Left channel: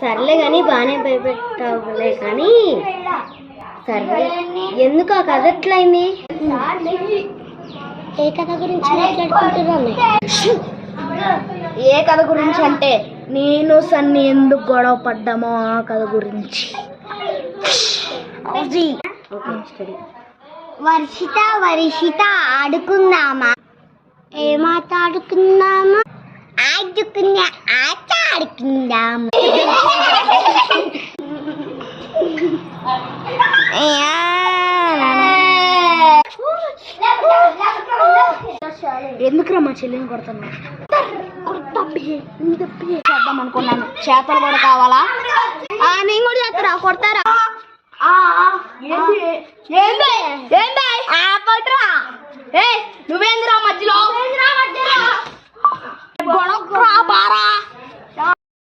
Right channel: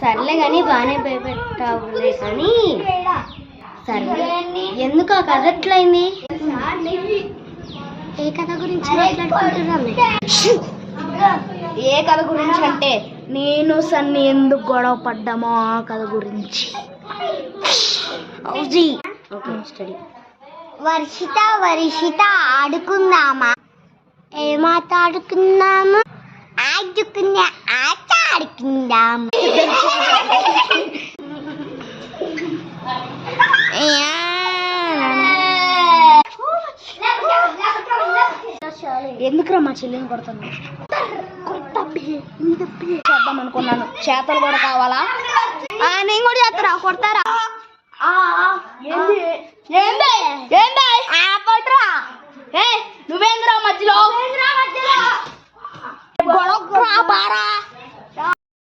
సర్లే కానీ బాగానే భయపెట్టావులే కానీ సర్లే ఎందుకు ఆ కథ ఎట్లయింది? ఏ కథ గురించి మాట్లాడుకుంటున్నాను? ఏ కథ గురించి అంటే నేను సన్ని ఎందుకు గొడవ పడ్డామో ఆ కథ గురించి. వర్షిత ఆడుకుందామా? ఏమాట ఆడుకుందాము? ఆడుకునే ఆట ఆడుకుందాము. ఎందుకురా మా చెల్లిని కొడతాను? చేద్దాం అనుకున్నాను. చేతలు కూడా కావాలా? నేను కూడా చేస్తారా? కొడతారా? నువ్వేంద్రా మధ్యలో గొడవ బారా?